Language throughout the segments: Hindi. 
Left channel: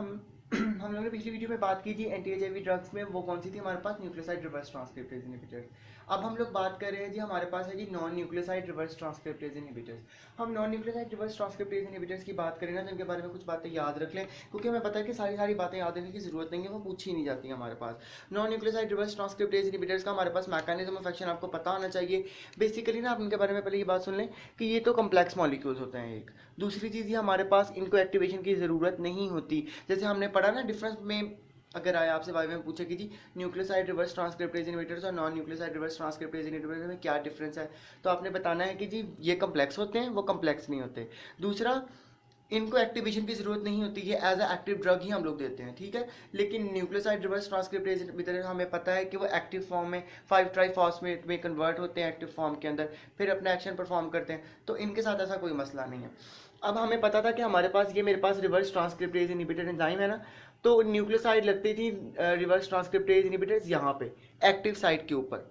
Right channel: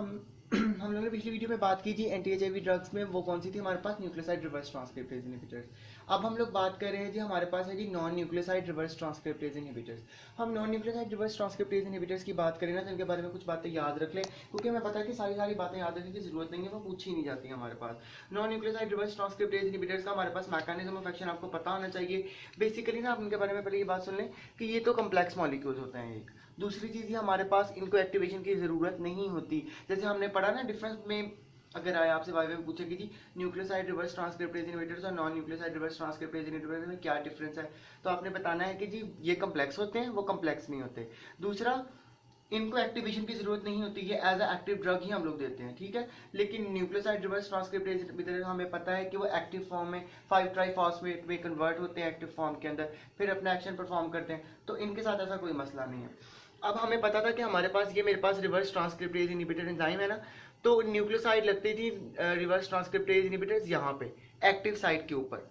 हम हम लोगों ने पिछली वीडियो में बात की थी एंटी एचआईवी ड्रग्स में, वो कौन सी थी हमारे पास, न्यूक्लियोसाइड रिवर्स ट्रांसक्रिप्टेज इनहिबिटर्स। अब हम लोग बात कर रहे हैं जी, हमारे पास है जी non nucleoside reverse transcriptase inhibitors. हम non nucleoside reverse transcriptase inhibitors की बात करें ना, तो इनके बारे में कुछ बातें याद रख लें, क्योंकि हमें पता है कि सारी बातें याद रखने की जरूरत नहीं है, वो पूछी नहीं जाती हमारे पास। Non nucleoside reverse transcriptase inhibitors का हमारे पास मैकेनिज्म ऑफ एक्शन आपको पता होना चाहिए। बेसिकली ना आप इनके बारे में पहले ये बात सुन लें कि ये तो कम्प्लेक्स मॉलिक्यूल्स होते हैं एक। दूसरी चीज़ ये हमारे पास इनको एक्टिवेशन की ज़रूरत नहीं होती। जैसे हमने पढ़ा ना डिफरेंस में, अगर आया आपसे वाई में पूछे कि जी न्यूक्लियोसाइड रिवर्स ट्रांसक्रिप्टेज इनहिबिटर्स और non nucleoside reverse transcriptase inhibitors में क्या डिफरेंस है, तो आपने बताना है कि जी ये कम्प्लेक्स होते हैं, वो कम्प्लेक्स नहीं होते। दूसरा, इनको एक्टिवेशन की जरूरत नहीं होती है, एज अ एक्टिव ड्रग ही हम लोग देते हैं, ठीक है। लेकिन न्यूक्लियोसाइड रिवर्स ट्रांसक्रिप्टेज इनहिबिटर हमें पता है कि वो एक्टिव फॉर्म में 5 ट्राइफॉस्फेट में कन्वर्ट होते हैं एक्टिव फॉर्म के अंदर, फिर अपना एक्शन परफॉर्म करते हैं, तो इनके साथ ऐसा कोई मसला नहीं है। अब हमें पता था कि हमारे पास ये मेरे पास रिवर्स ट्रांसक्रिप्टेज इनहिबिटर एंजाइम है ना, तो न्यूक्लियोसाइड लगती थी रिवर्स ट्रांसक्रिप्टेज इनहिबिटर्स यहाँ पे एक्टिव साइट के ऊपर।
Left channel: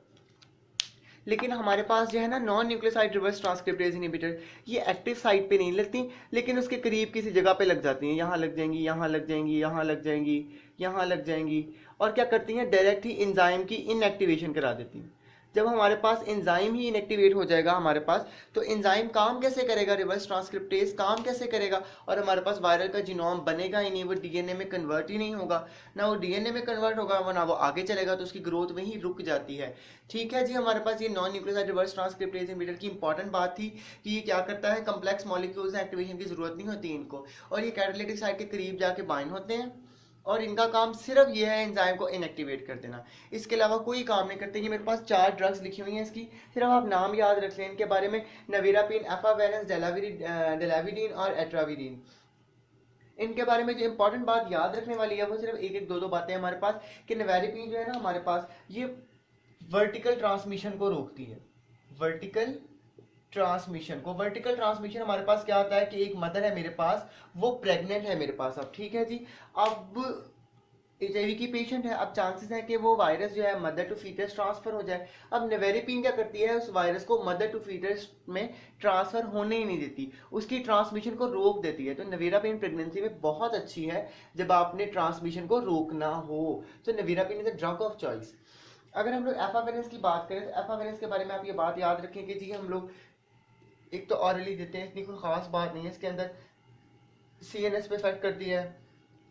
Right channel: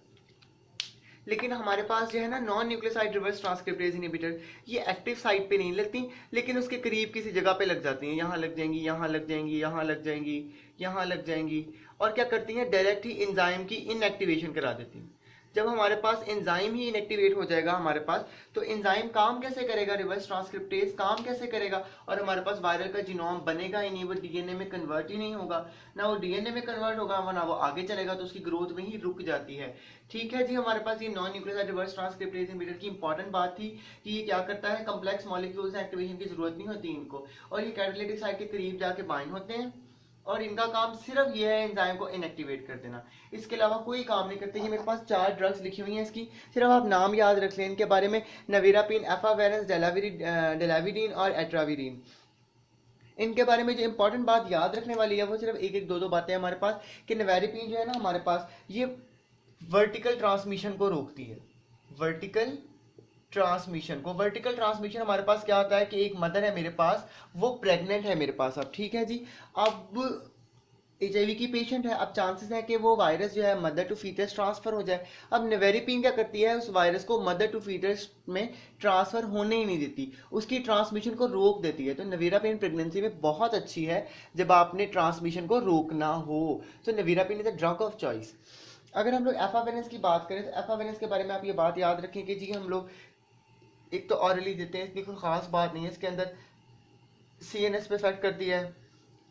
लेकिन हमारे पास जो है ना non nucleoside reverse transcriptase inhibitor, ये एक्टिव साइट पे नहीं लगती, लेकिन उसके करीब किसी जगह पे लग जाती हैं, यहाँ लग जाएंगी, यहाँ लग जाएंगी, यहाँ लग जाएंगी, यहाँ लग जाएंगी, और क्या करती हैं, डायरेक्ट ही एंजाइम की इनएक्टिवेशन करा देती हैं। जब हमारे पास एंजाइम ही इनएक्टिवेट हो जाएगा हमारे पास, तो एंजाइम काम कैसे करेगा, रिवर्स ट्रांसक्रिप्टेज काम कैसे करेगा, और हमारे पास वायरल का जीनोम बनेगा ही नहीं, वो डीएनए में कन्वर्ट ही नहीं होगा, ना वो डीएनए में कन्वर्ट होगा, वो ना वो आगे चलेगा, तो उसकी ग्रोथ में ही रुक जाती है। ठीक है जी, हमारे पास ये non nucleoside reverse transcriptase inhibitor की इंपॉर्टेंट बात थी कि ये क्या करता है, कम्प्लेक्स मॉलिक्यूल्स एक्टिवेशन की जरूरत नहीं होती इनको, और ये कैटालिटिक साइट के करीब जाके बाइंड होते हैं, और इनका काम सिर्फ ये है एंजाइम को इनएक्टिवेट कर देना, इसके अलावा कोई काम नहीं करते। ये मेरे पास 4 ड्रग्स लिखी हुई हैं, इसकी सिर्फ आप नाम याद रख लें इनके बारे में, नवीरापिन, एफावेरेंस, डेलाविडीन और एट्राविडीन। इनके बारे में जो इंपॉर्टेंट बात याद रखने वाली है वो सिर्फ एक एक दो बातें हमारे पास, कि नवेरिपिन जो है ना हमारे पास, ये वर्टिकल ट्रांसमिशन को रोकती है। वर्टिकल ट्रांसमिशन हमारे पास क्या होता है कि एक मदर है मेरे पास, वो प्रेग्नेंट है मेरे पास, अब ठीक है जी, अब एचआईवी की पेशेंट है, अब चांसेस है कि वो वायरस जो है मदर टू फीटस ट्रांसफर हो जाए। अब नेवेरिपिन क्या करती है, उस वायरस को मदर टू फीटस में ट्रांसफर होने ही नहीं देती, उसकी ट्रांसमिशन को रोक देती है। तो नेवेरापिन प्रेगनेंसी में बहुत अच्छी है जब आपने ट्रांसमिशन को रोकना हो, तो nevirapine is a drug of choice. अगर हम लोग एफावेरेंस की बात करें, तो एफावेरेंस के बारे में आप ये बात याद रखें कि जी हम लोग एक तो ऑरली देते हैं, इसकी कोई खास बात नहीं है, इसके अंदर सीएनएस पे इफेक्ट करती है,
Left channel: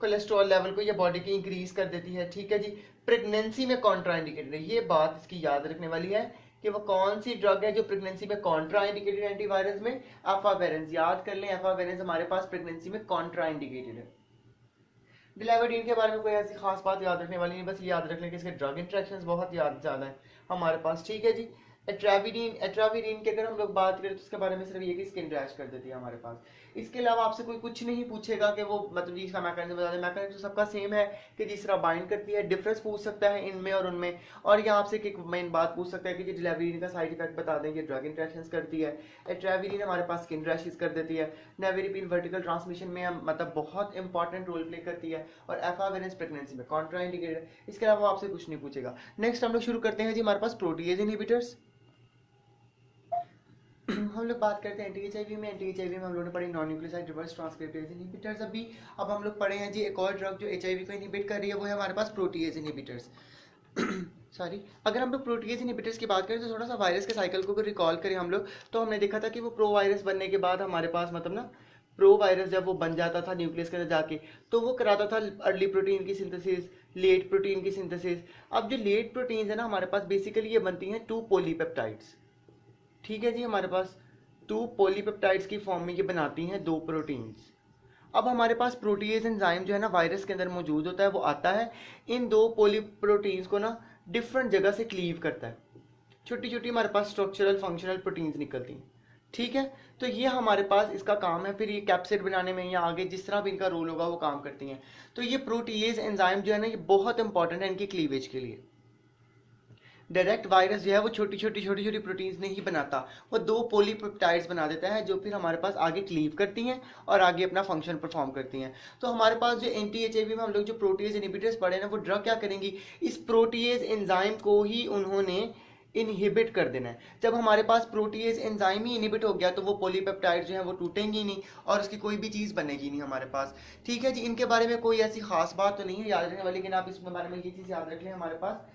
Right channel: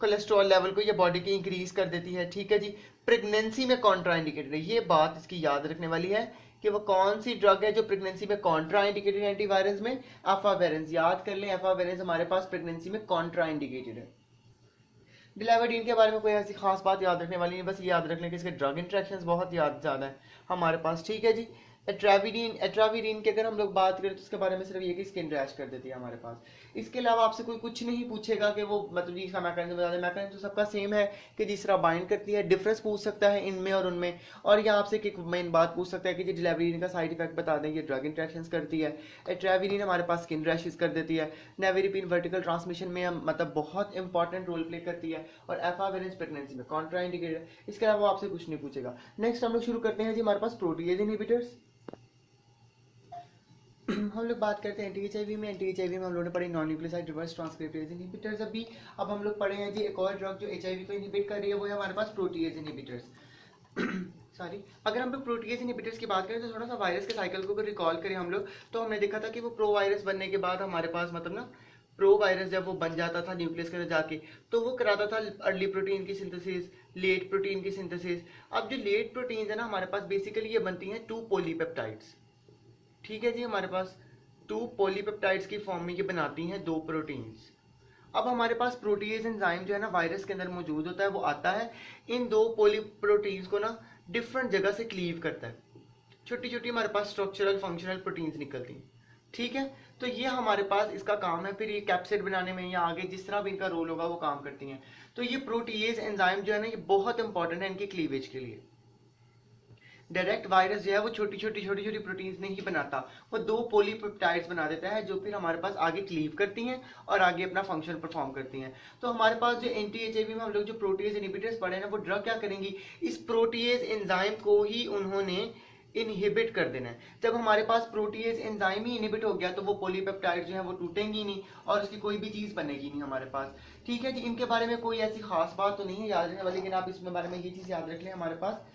कोलेस्ट्रॉल लेवल को ये बॉडी की इंक्रीज कर देती है, ठीक है जी। प्रेगनेंसी में कॉन्ट्राइंडिकेटेड है, ये बात इसकी याद रखने वाली है कि वो कौन सी ड्रग है जो प्रेगनेंसी में कॉन्ट्राइंडिकेटेड है एंटीवायरस में, एफावेरेंस। याद कर लें, एफावेरेंस हमारे पास प्रेगनेंसी में कॉन्ट्राइंडिकेटेड है। डिलाविडीन के बारे में कोई ऐसी खास बात याद रखने वाली नहीं, बस ये याद रख लें कि इसके ड्रग इंट्रैक्शंस बहुत ज़्यादा है हमारे पास, ठीक है जी। एट्राविडीन की अगर हम लोग बात करें तो उसके बारे में सिर्फ ये कि स्किन रैश कर देती है हमारे पास। इसके अलावा आपसे कोई कुछ नहीं पूछेगा कि वो मतलब जी इसका मैकेनिज्म बता दें, मैकेनिज्म तो सबका सेम है कि जिस तरह बाइंड करती है, डिफरेंस पूछ सकता है इनमें और उनमें, और यहाँ आपसे एक मेन बात पूछ सकता है कि डिलाविडीन का साइड इफेक्ट बता दें, ये ड्रग इंट्रैक्शंस करती है। एट्राविडीन हमारे पास स्किन रैशेस कर देती है, नेवेरिपिन वर्टिकल ट्रांसमिशन में मतलब बहुत इंपॉर्टेंट रोल प्ले करती है, और एफावेरेंस प्रेगनेंसी में कॉन्ट्राइंडिकेटेड है। इसके अलावा आपसे कुछ नहीं पूछेगा। नेक्स्ट हम लोग शुरू करते हैं जी, हमारे पास प्रोटीएज इनहिबिटर्स। हम लोग बात करते हैं एंटी एचआईवी में। एंटी एचआईवी में हम लोगों ने पढ़ी non nucleoside reverse transcriptase inhibitors. अब हम लोग पढ़े हैं जी एक और ड्रग जो एचआईवी को इनहिबिट कर रही है, वो है हमारे पास प्रोटीएज इनहिबिटर्स। सॉरी, अगर हम लोग प्रोटीएज इनहिबिटर्स की बात करें तो थोड़ा सा वायरस के साइकिल को रिकॉल करें हम लोग, तो हमने देखा था कि वो प्रो वायरस बनने के बाद हमारे पास मतलब ना प्रो वायरस जब वो बन जाता था न्यूक्लियस के अंदर जाके, तो वो कराता था अर्ली प्रोटीन की सिंथेसिस, लेट प्रोटीन की सिंथेसिस। अब जो लेट प्रोटीन है ना हमारे पास, बेसिकली ये बनती हैं 2 पॉलीपेप्टाइड्स, ठीक है जी। हमारे पास 2 पॉलीपेप्टाइड्स की फॉर्म में ये बनाती हैं 2 प्रोटीन्स। अब हमारे पास प्रोटीएज एंजाइम जो है ना वायरस के अंदर मौजूद होता है, वो आता है इन 2 पॉलीप्रोटीन्स को ना डिफरेंट जगह से क्लीव करता है, छोटी छोटी हमारे पास स्ट्रक्चरल फंक्शनल प्रोटीन्स निकलती हैं, ठीक है। तो ये हमारे पास इसका काम है, फिर ये कैप्सिड बनाने में या आगे जिस तरह भी इनका रोल होगा वो काम करती हैं। तो ये प्रोटीएज एंजाइम जो है ना ये बहुत इंपॉर्टेंट है इनकी क्लीवेज के लिए। डायरेक्ट वायरस जो है वो छोटी छोटी प्रोटीन्स नहीं बनाता, वो 2 पॉलीपेप्टाइड्स बना देता है जो फिर हमारे पास आगे क्लीव करती हैं और आगे अपना फंक्शन परफॉर्म करती हैं। तो हमारे पास जो एंटी एचआईवी में हम लोग जो प्रोटीएज इनहिबिटर्स पढ़े ना, वो ड्रग क्या करेंगी, इस प्रोटीएज एंजाइम को ही उन्होंने इनहिबिट कर देना है। जब हमारे पास प्रोटीएज एंजाइम ही इनहिबिट हो गया तो वो पॉलीपेप्टाइड जो है वो टूटेंगी नहीं और उसकी कोई भी चीज़ बनेगी नहीं हमारे पास। ठीक है जी, इनके बारे में कोई ऐसी खास बात तो नहीं है याद रखने वाली, लेकिन आप इसके बारे में ये चीज़ याद रख लें हमारे पास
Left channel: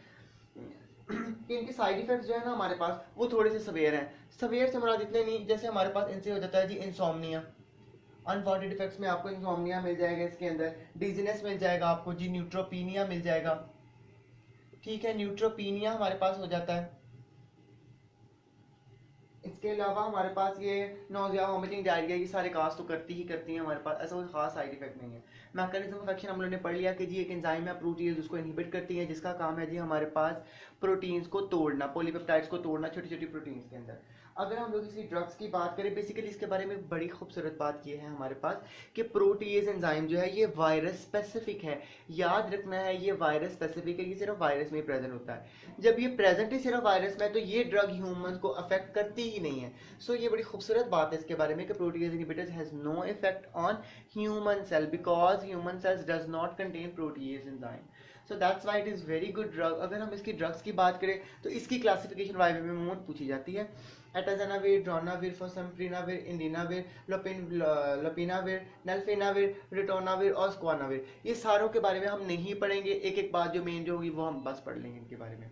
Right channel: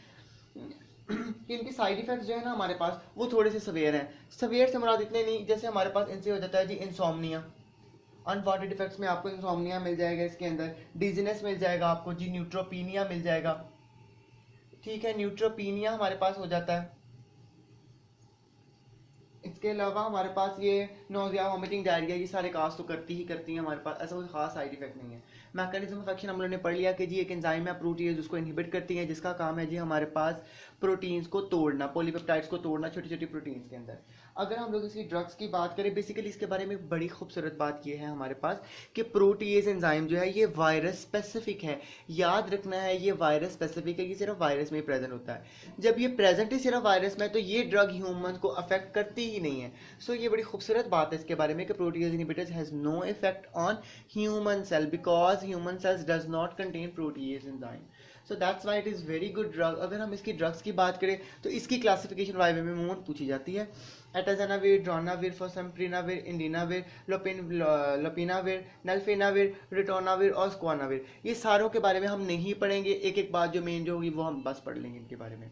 कि इनके साइड इफेक्ट्स जो है ना हमारे पास वो थोड़े से सवेयर हैं। सवेयर से मुराद इतने नहीं, जैसे हमारे पास इनसे हो जाता है जी इंसोम्निया, अनवांटेड इफेक्ट्स में आपको इंसोम्निया मिल जाएगा, इसके अंदर डिजीनेस मिल जाएगा आपको जी, न्यूट्रोपीनिया मिल जाएगा। ठीक है, न्यूट्रोपीनिया हमारे पास हो जाता है। इसके अलावा हमारे पास ये नोजिया, वोमिटिंग, डायरिया, ये सारे काज तो करती ही करती हैं हमारे पास, ऐसा कोई खास साइड इफेक्ट नहीं है। मैकेनिज्म ऑफ एक्शन हम लोगों ने पढ़ लिया कि जी एक एंजाइम है प्रोटीज, उसको इनहिबिट करती है, जिसका काम है जी हमारे पास प्रोटीन्स को तोड़ना, पॉलीपेप्टाइड्स को तोड़ना छोटी छोटी प्रोटीन्स के अंदर। अगर हम लोग इसकी ड्रग्स की बात करें, बेसिकली इसके बारे में बड़ी खूबसूरत बात ये है हमारे पास कि प्रोटीएज एंजाइम जो है ये वायरस स्पेसिफिक है। याद रखना है ये वायरस स्पेसिफिक है, ये सिर्फ वायरस में ही प्रेजेंट होता है। जब ये प्रेजेंट ही सिर्फ वायरस में है तो ये ड्रग ह्यूमन को अफेक्ट करती ही नहीं है। सो ये बड़ी खूबसूरत बात है इसके बारे में कि protease inhibitors has no effect on human cell because human cells does not contain protease enzyme. So that's why it is very good drug. अगर हम इसकी ड्रग्स की बात करें तो इसकी क्लासिफिकेशन वाई में मूवमेंट पूछी जाती है। एटाजेनाविर, ड्रोनाविर, फॉसम्प्रीनाविर, इंडिनाविर, लोपिनाविर, नेल्फिनाविर, रिटोनाविर और स्क्वानाविर, ये सारों के बारे में हम नहीं पढ़ेंगे। एक एक बात जो मेन जो होगी वो हम बस पढ़ लेंगे इनके बारे में।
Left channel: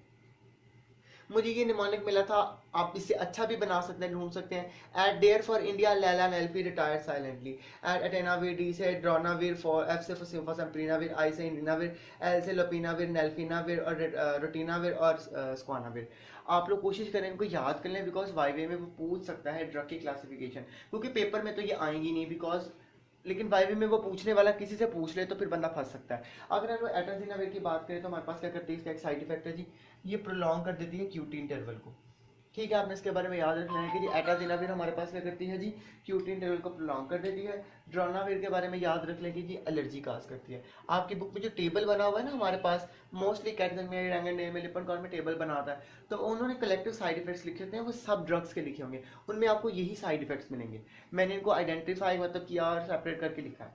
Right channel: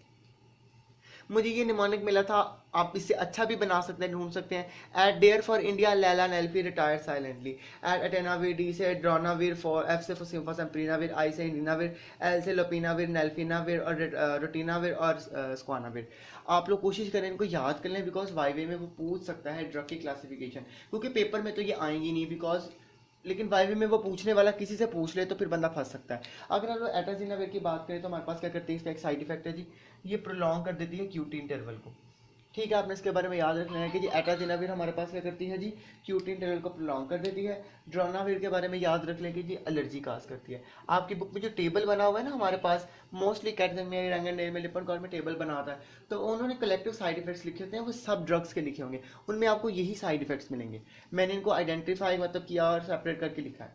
मुझे ये निमोनिक मिला था, आप इससे अच्छा भी बना सकते हैं, ढूंढ सकते हैं। एट डेयर फॉर इंडिया, लैला नेल्फी रिटायर्ड साइलेंटली। एट अटेनाविर, डी से ड्रोनाविर, फॉर एफ से फॉसम्प्रीनाविर, आई से इंडिनाविर, एल से लोपिनाविर, नेल्फिनाविर और रोटिनाविर और स्क्वानाविर। आप लोग कोशिश करें इनको याद कर लें बिकॉज वाईवे में वो पूछ सकता है ड्रग की क्लासिफिकेशन, क्योंकि पेपर में तो ये आएंगी नहीं बिकॉज, लेकिन वाईवे में वो पूछने वाला किसी से पूछ ले तो फिर बंदा फंस सकता है। अगर हम एटाजिनाविर की बात करें तो हमारे पास क्या करती है, इसका एक साइड इफेक्ट है जी, ये प्रोलॉन्ग कर देती है क्यूटी इंटरवल को। ठीक है, आपने इसके बारे में याद रखना है कि जी एटाजिनाविर हमारे पास क्या करती है जी, क्यूटी इंटरवल को प्रोलॉन्ग कर देती है। ड्रोनाविर के बारे में याद रख लें कि जी एलर्जी काज करती है। आपकी बुक में जो टेबल बना हुआ है ना हमारे पास, मोस्टली कैटजमेयर, रैंगन में लिपन कॉल में टेबल बना होता है, तो उन्होंने कलेक्टिव साइड इफेक्ट्स लिखे थे, वो सब ड्रग्स के लिखे होंगे, उनमें आपको यही साइड इफेक्ट्स मिलेंगे। मैंने इनको आइडेंटिफाई मतलब किया और सेपरेट करके लिखा है।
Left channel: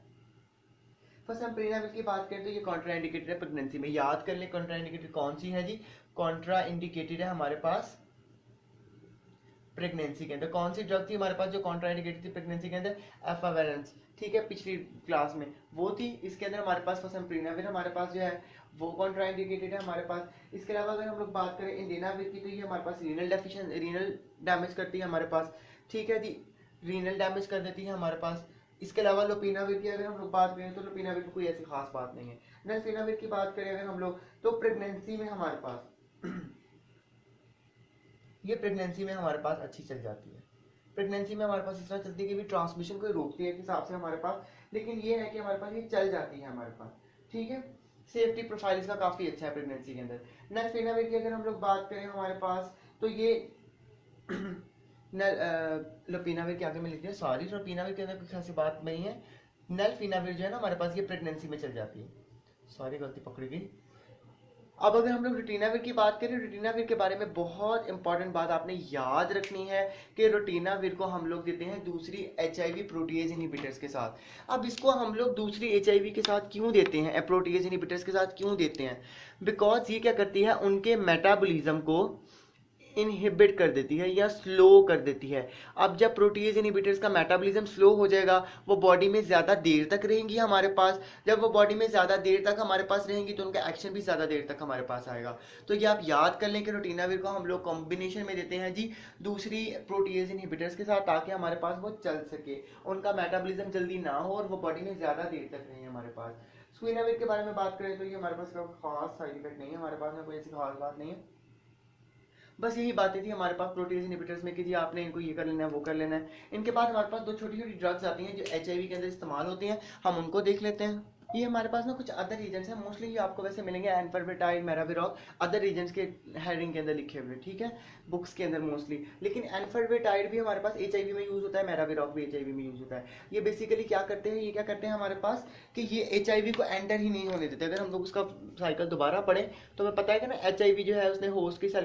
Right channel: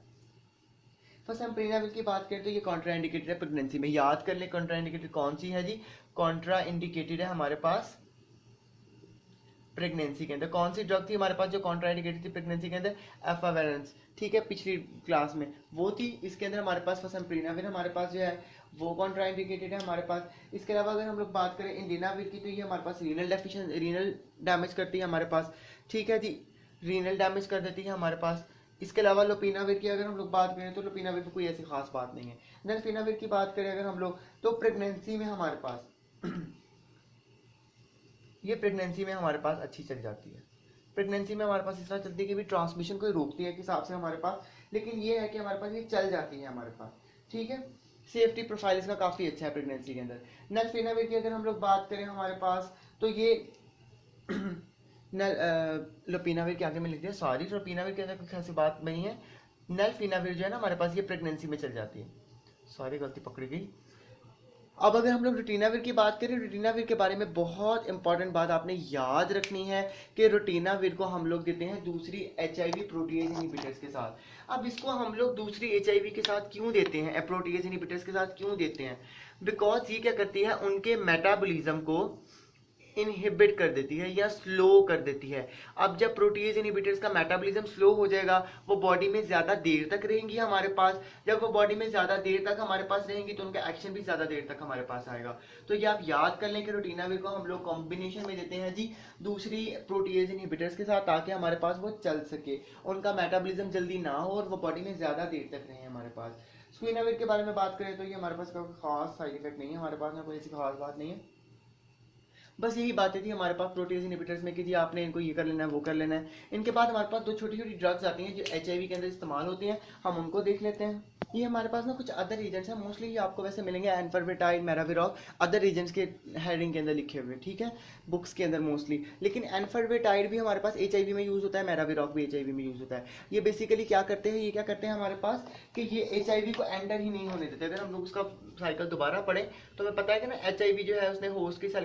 फॉसम्प्रीनाविर की बात करें तो ये कॉन्ट्रा इंडिकेटेड है प्रेगनेंसी में। याद कर ले कॉन्ट्रा इंडिकेटेड कौन सी है जी, कॉन्ट्रा इंडिकेटेड है हमारे पास प्रेगनेंसी के अंदर। कौन सी ड्रग थी हमारे पास जो कॉन्ट्रा इंडिकेटेड थी प्रेगनेंसी के अंदर, एफावेरेंस। ठीक है, पिछली क्लास में वो थी। इसके अंदर हमारे पास फॉसम्प्रीनाविर हमारे पास जो है वो कॉन्ट्रा इंडिकेटेड है हमारे पास। इसके अलावा अगर हम लोग बात करें इंडिनाविर की तो ये हमारे पास रीनल डैमेज करती है हमारे पास। ठीक है जी, रीनल डैमेज कर देती है हमारे पास। इसके अलावा लोपिनाविर की अगर हम लोग बात करें तो लोपिनाविर की कोई ऐसी खास बात नहीं है। नेल्फिनाविर की बात करें अगर हम लोग तो प्रेगनेंसी में हमारे पास ये प्रेगनेंसी में हमारे पास अच्छी चल जाती है। प्रेगनेंसी में हमारे पास इस तरह चलती है कि भी ट्रांसमिशन को रोकती है हिसाब से हमारे पास, लेकिन ये है कि हमारे पास ये चल जाती है हमारे पास। ठीक है, सेफ्टी प्रोफाइल इसका काफ़ी अच्छा है प्रेगनेंसी के अंदर। नेल्फिनाविर की अगर हम लोग बात करें हमारे पास तो ये लोपिनाविर के आगे में लिख दिया, सॉरी लोपिनाविर के अंदर कुछ ऐसी बात नहीं है। नेल्फिनाविर जो है ना हमारे पास ये प्रेगनेंसी में चल जाती है, सॉरी गलती पकड़ी गई। अब अगर हम लोग रोटिनाविर की बात करें, रोटिनाविर के बारे में बहुत इंपॉर्टेंट बात आपने याद रखनी है कि रोटिनाविर को हम लोग देते हैं दूसरी HIV प्रोटीएज इनहिबिटर्स के साथ। अब इसको हम लोग दूसरी HIV के साथ क्यों देते हैं, प्रोटीएज इनहिबिटर्स के साथ क्यों देते हैं, बिकॉज ये क्या करती है उनके मेटाबॉलिज्म को इनहिबिट कर देती है या स्लो कर देती है। अब जब प्रोटीएज इनहिबिटर्स का मेटाबॉलिज्म स्लो हो जाएगा वो बॉडी में ज़्यादा देर तक रहेंगी हमारे पास। जब वो बॉडी में ज़्यादा देर तक हमारे पास रहेंगी तो उनका एक्शन भी ज़्यादा देर तक हमारे पास आएगा। तो ये आप याद कर लें कि रोटिनाविर को हम लोग कॉम्बिनेशन में देते हैं जी दूसरी प्रोटीएज इनहिबिटर्स के साथ, ताकि हमारे पास वो चल सके, उनका मेटाबॉलिज्म जल्दी ना हो और वो बॉडी में ज़्यादा देर तक रहे हमारे पास। स्क्वीनाविर के बारे में बात करें तो ये हमारे पास कोई खास साइड इफेक्ट नहीं है, हमारे पास में कोई ऐसी खास बात नहीं है। बस यही बातें थी हमारे पास प्रोटीज इनहिबिटर्स में कि जी आपने इनको ये कर लेना है वो कर लेना है। इनके बाद हमारे पास दो छोटी छोटी ड्रग्स आती हैं जो HIV के अंदर इस्तेमाल होती हैं, हम उनको देख लेते हैं। ये हमारे पास ना कुछ अदर रीजन्स हैं, मोस्टली ये आपको वैसे मिलेंगे एनफरबिटाइड, मेराविरॉक, अदर रीजन्स के हेडिंग के अंदर लिखे हुए। ठीक है, बुक्स के अंदर मोस्टली। लेकिन एनफरबिटाइड भी हमारे पास HIV में यूज़ होता है, मेराविरॉक भी HIV में यूज़ होता है। ये बेसिकली क्या करते हैं, ये क्या करते हैं हमारे पास कि ये HIV को एंटर ही नहीं होने देते। अगर हम लोग उसका साइकिल दोबारा पढ़ें तो हमें पता है कि ना HIV जो है उसने होस्ट की